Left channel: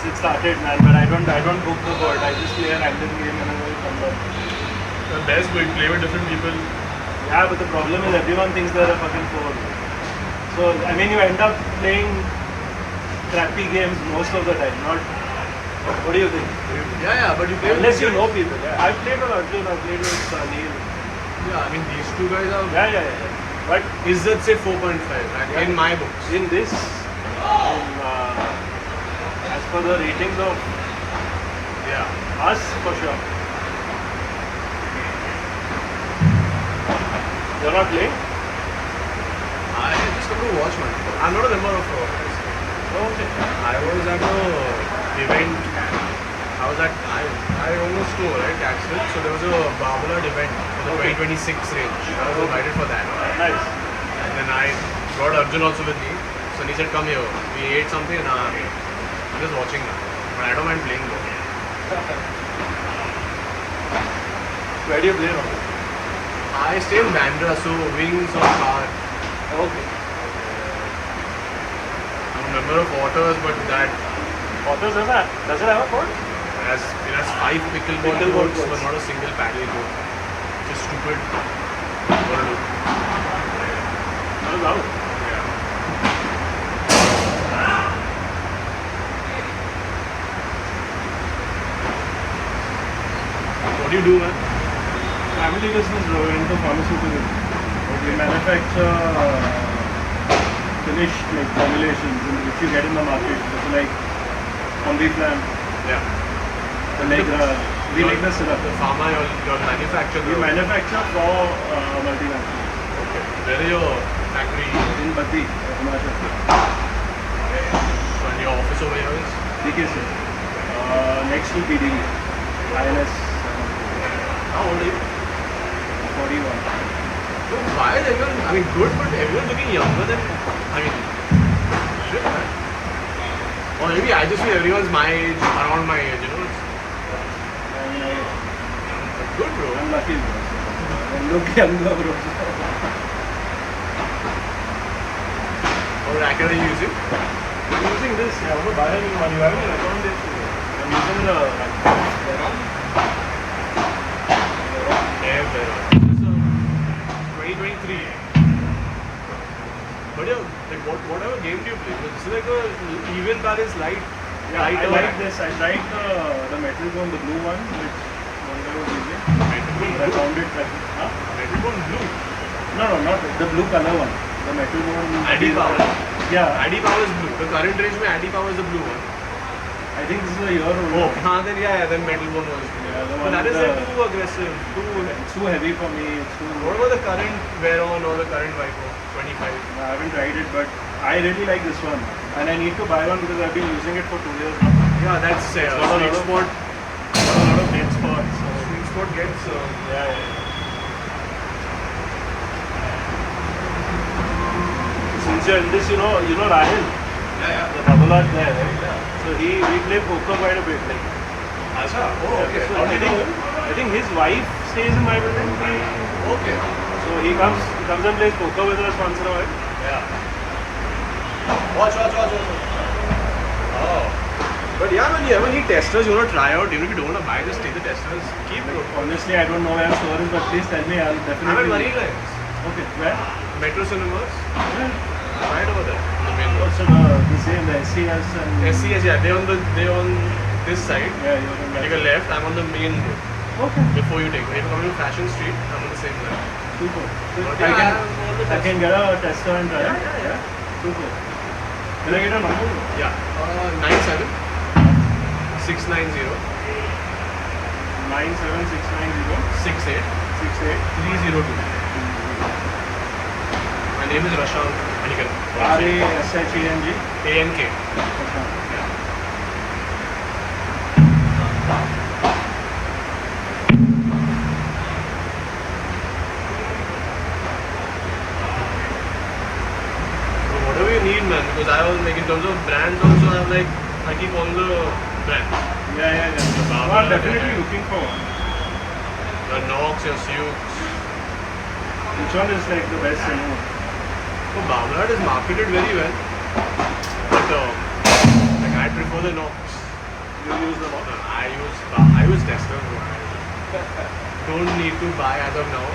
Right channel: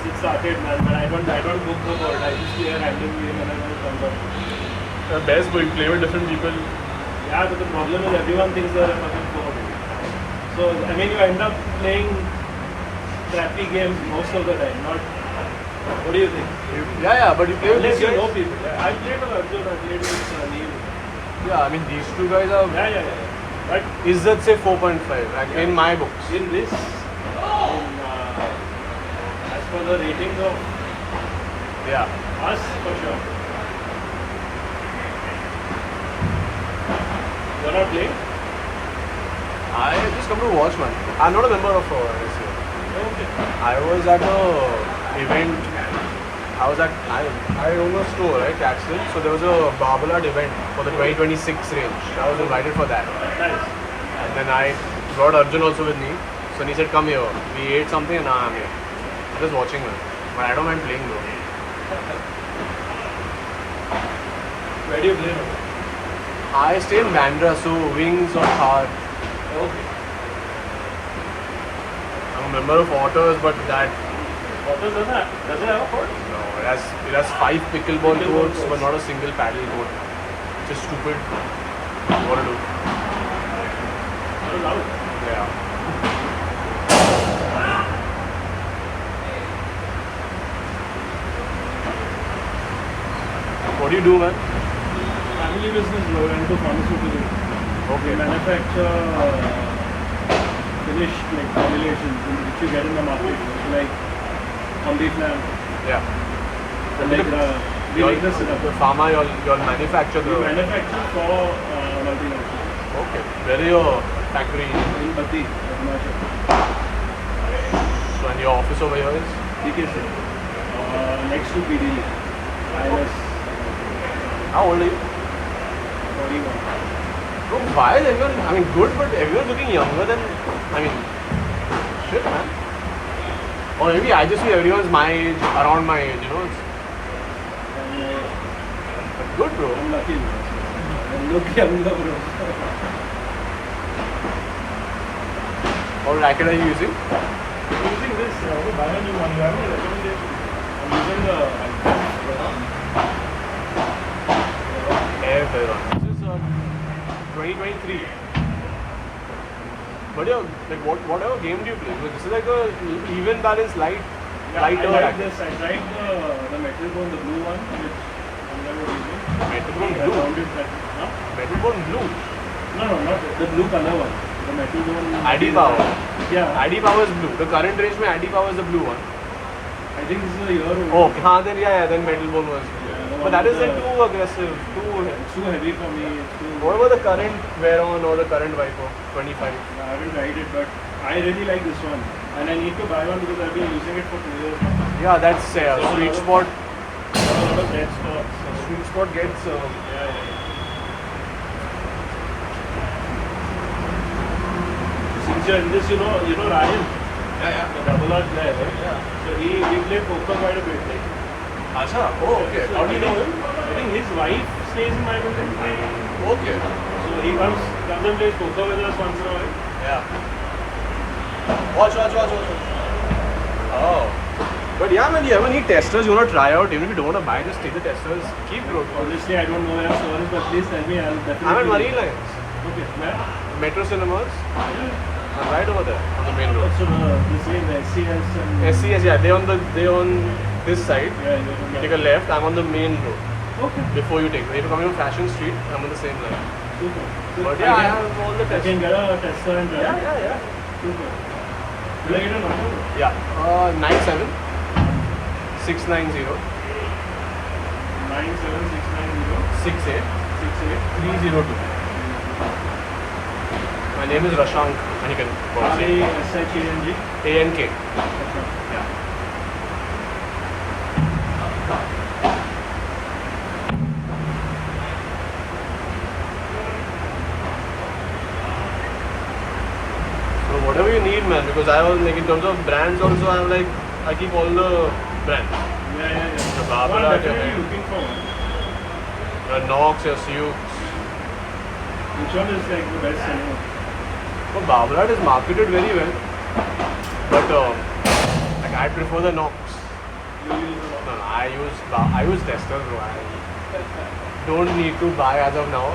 since it started, man. But I don't book the board. I just play a random game and then it comes up. The best, but play with different people. Yeah, but the problem is everyone thinks they're a fucking pro. So I mean, you end up playing crappy games most of the time. Not. What do you think? Yeah, but you play with Unless these you guys. know people. Yeah. I've played with Arjun. I've played with Neil. Yeah, I mean these two guys are. Yeah. But Izzat say 4.5 in my books. in this, as per the ratings of Yeah. us, for sure. You're not playing? I just come to watch man. I'm not a member of RSA. Okay. I was at a event. I own a store, right? Caxton. So there was a Babolat event for the 2026 range. I was invited for that. Nice. And then I brought Arjun also with me. So he said, come here. We ate something and I'm just watching it. But I don't mind playing though. Where do you play from? I stay in Bandra, so wings or car. Okay. I'm a member of Otters, but that What does that? Does it have a court? no, it has 5 pickleball Pickleball courts, courts. but not a single paddle court. Just stupid. What to do? Oh, wow. Yeah. What do you do, man? Family business, bro. Into pharmaceutical. Okay. We manufacture finished like formulations which you get in the market. It's like Ambiflan, Yeah. Allegra. We make the syrup. The pharma you're manufacturer. We manufacture for multinationals. Okay. Where is your factory? In Bati, Himachal. And your office over here is? DKC. Next to PDB. ILS How old are you? 41. So while everyone, I mean, good, but everyone's looking younger than, I mean, shit, man. Or maybe I just feel everyone's my age, around my age, you know. It's but good, bro. I'm lucky. Look younger, bro. How racket are you using? I'm using this. I want to buy a new one. You have any recommendation? I'm using the Air Veron. This is 2023. But yeah, like whatever game do you play? This is like a even balance light. Yeah, I lighter like racket. this. I tried the metal bone, the blue one, which one guy was using. Metal bone I blue? found it like, huh? Metal bone blue. No, not the blue color one. The metal one. ID Power. Yeah, ID Power is blue. The current range में ID Power is the blue one. I think this is a year old. Oh, then then Metal Bone was. Yeah, the But one that is with like the- too aggressive. It's too heavy for me. It's too. What about the current Veron or the current Vico? 25. I haven't tried it, but I really like this one, and I need to buy one because I've been using it for 2 years now. Yeah, that's sweet spot. I have a lot of dead spots. Sweet spot gets. Yeah. Since you're in this, you know Ryan, the Babolat player, right? So we play poker quite a bit. Like, Acha. Oh, okay. so I think his wife stays in my building. Okay. So he comes and plays poker with us once in a while. Yeah. Watch. Oh. But yeah, man, you ever need testers you want to try out? Even if you don't want to buy, just take the testers. Keep it. Honestly, I don't know where store is, but please tell me. I'll definitely. I'm at Marine Lines. Okay, where? Metro Cinemas. Okay. Right over there. On the main road. Also, the same, the SCS and. SCS, yeah. They on this side. Yeah, you can Take a left. I'm on the main road. Okay. Before you take. If you're coming from Fashion Street, I'm on the same line. Super. But I yeah, I can, have all the I can testers. get a tester and try. Yeah. Super. Will I get a number? Yeah. 97 690 97690 68 68 302. My name is Rashank. RASHENG. ANK. So whatever you need, man, because I was like in terms of brands also, I keep all the brands. Yeah. The I'm Babolat, definitely looking for one. your Knox, your Sioux. Which one is like the best selling? So Babolat is marketed very well, but like I prefer the Knox. You use a lot. I use testers. So I don't need to buy as of now.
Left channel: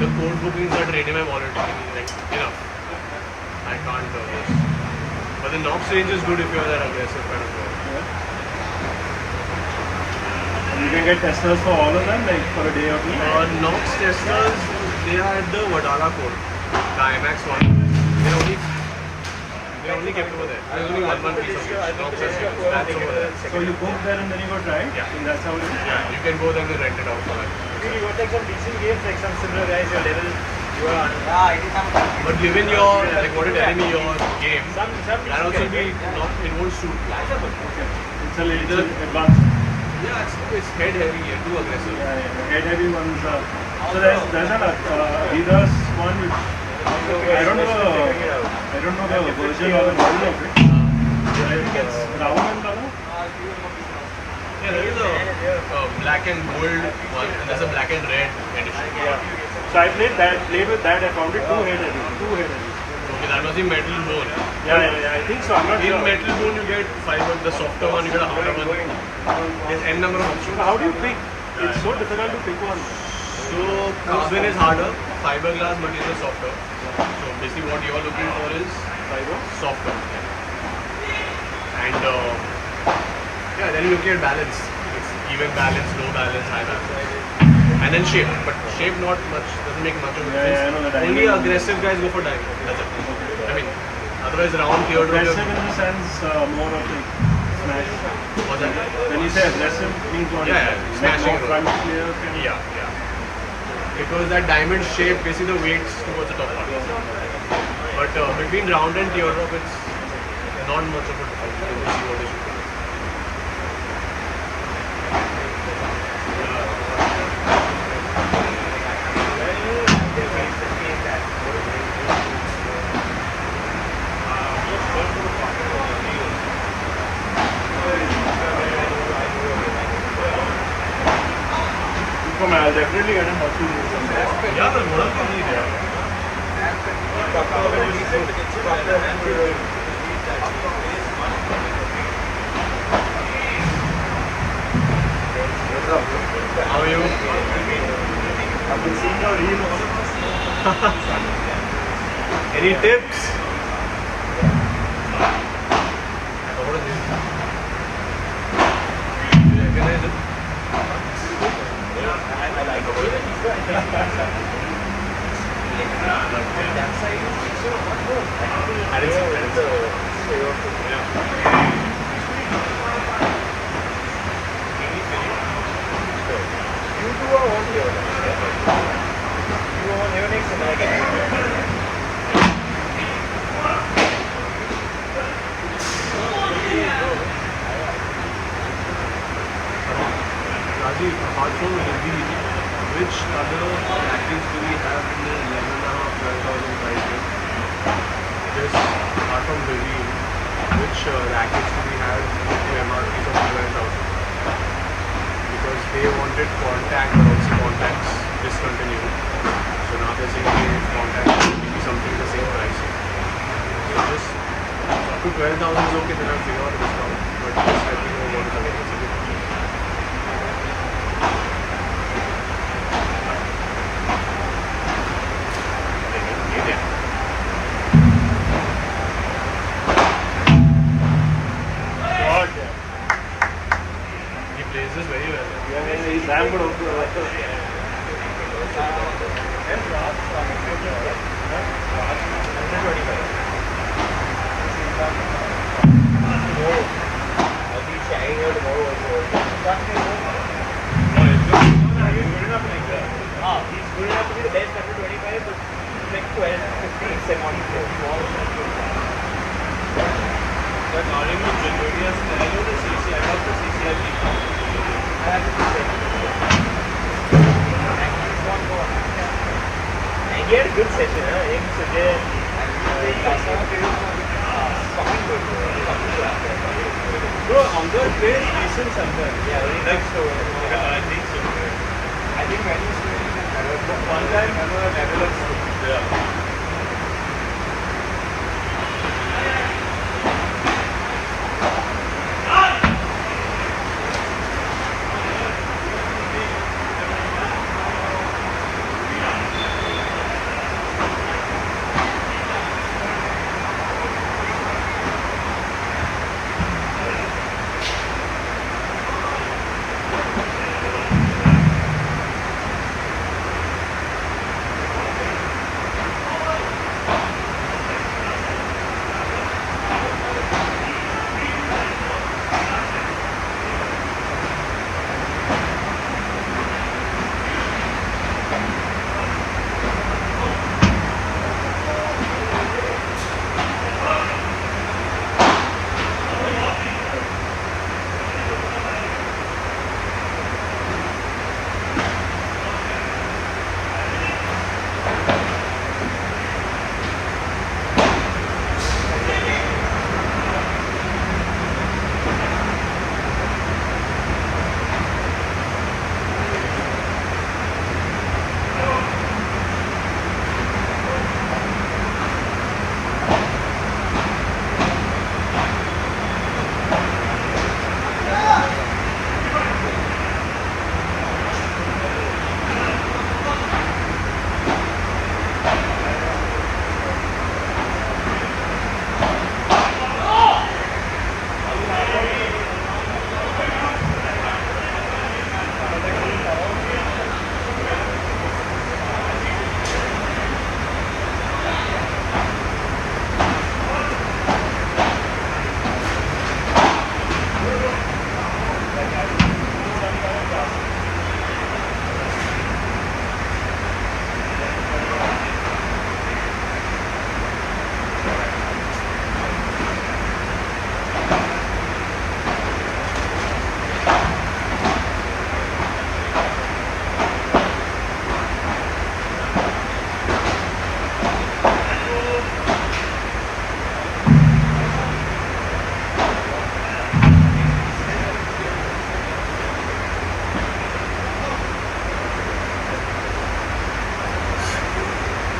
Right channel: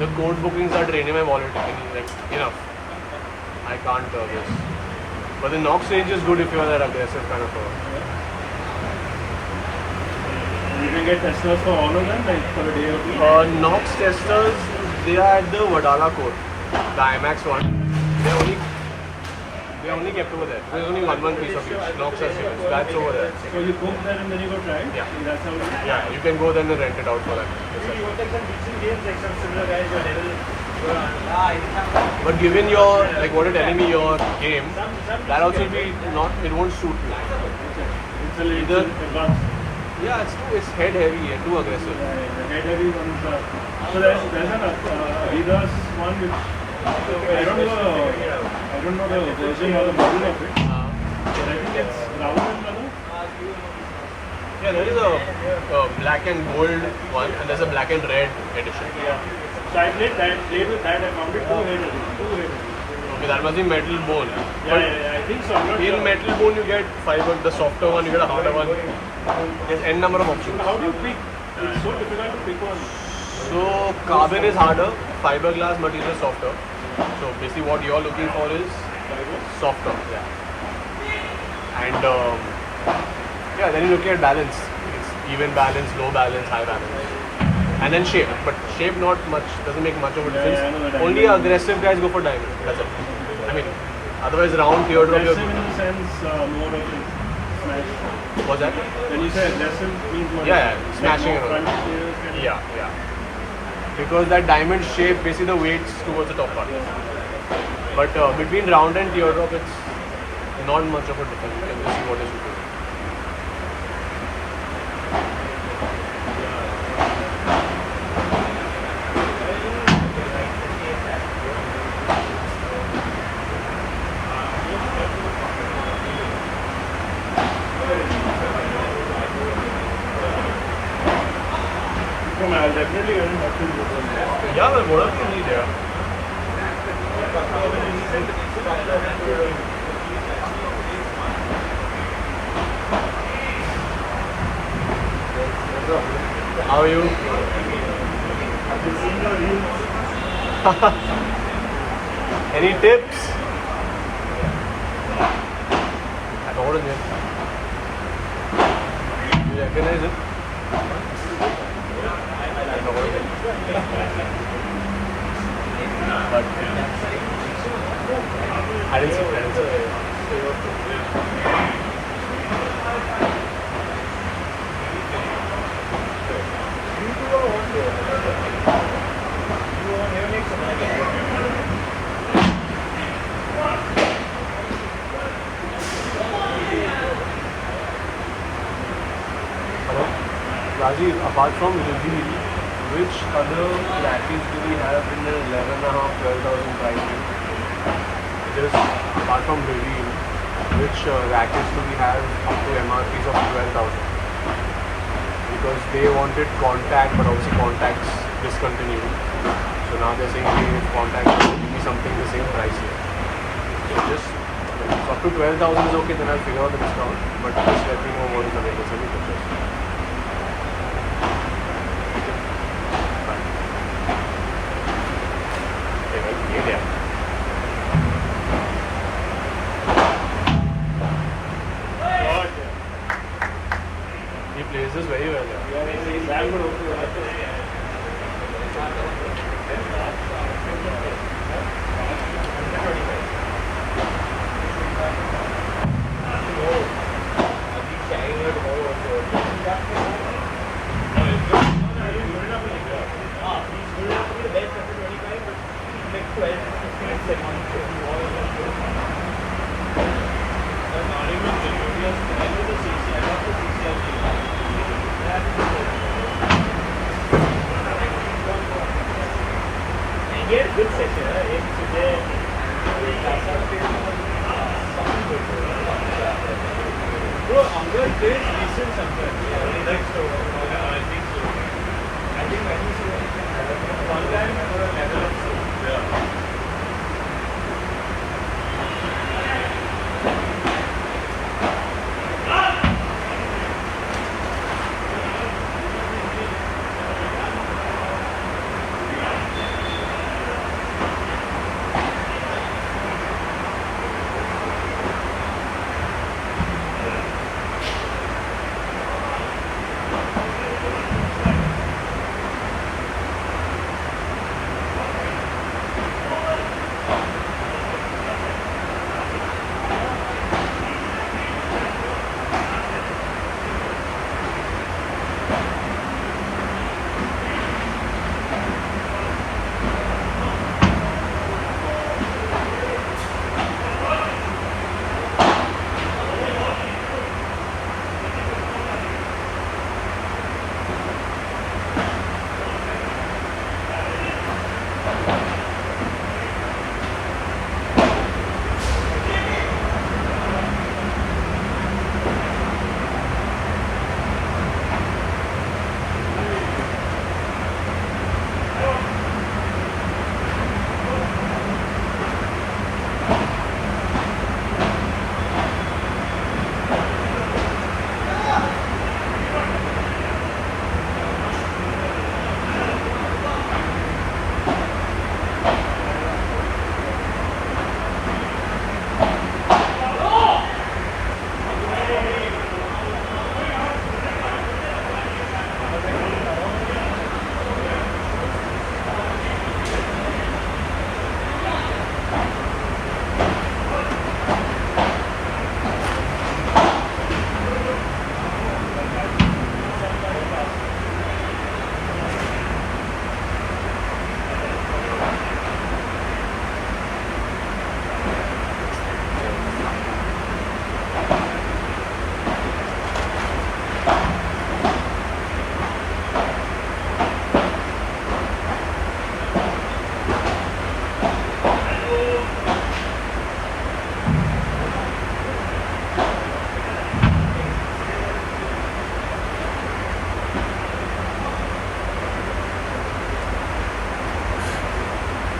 The code bookings are draining my wallet. Like enough. I can't do this. But the Nox range is good if you are that aggressive kind of a. You can get testers for all of them, like for a day or two. Nox testers, they are at the Vadala code, the IMAX one. They only kept over there. There's only one piece of it. Nox are sales. That's over there. So you book there and then you go try it? Yeah. That's how it is? Yeah, you can go there and then rent it out for that. You take some decent games, like some similar guys, your level. But given your, like what you're telling me, your game, that also be not, it won't suit me. Okay. It's a little The- advanced. Yeah, it's head heavy and too aggressive. Yeah, the head heavy one is so there's an Adidas one which I don't know the version or the model of it. But I think it's brown in color. Yeah, there is a black and gold one and there's a black and red edition. So I played with that. I found it two head. Okay, that must be metal bone. Yeah, I think so. I'm not In sure. metal bone you get fiber, the softer one, you get a harder one. There's n number of options. How do you pick? It's so difficult to pick one. So carbon is harder, fiberglass material is softer. So basically what you're looking for is Fiber. softer. Yeah. And yeah, then you look at balance. It's even balance, low balance, high balance. And then shape. But shape not much, doesn't make much of a difference. Yeah, I know the Only diamond. aggressive guys go for diamond. That's it. I mean, otherwise round teardrop. Aggressive in the sense more of like smash. What's that? When you say aggressive means what? Yeah, Like smashing more around. front clear, kind of- Yeah. Because that diamond shape, basically the weights towards the top part. But between round and teardrop, it's not much of a difference. You can just see what is different. I'll definitely get not to use them there. Yeah, the model can be there. How are you? I've been seeing your reels. Any tips? What is it? You recognize it? I didn't see it. Rajiv, apart from Libby, which other rackets do we have in the 11,500-12,000 price range? Just apart from Libby, which rackets do we have up to MRPs of 12,000? Because they wanted contact, but also contacts discontinued. So now they're saying if contact will be something the same price. So just up to 12,000 is okay, then I'll figure out a discount. But just let me know what is available. Send me pictures. He plays this very well. He's damn good also. Good session, Bro, Amber plays decent sometimes. Next over.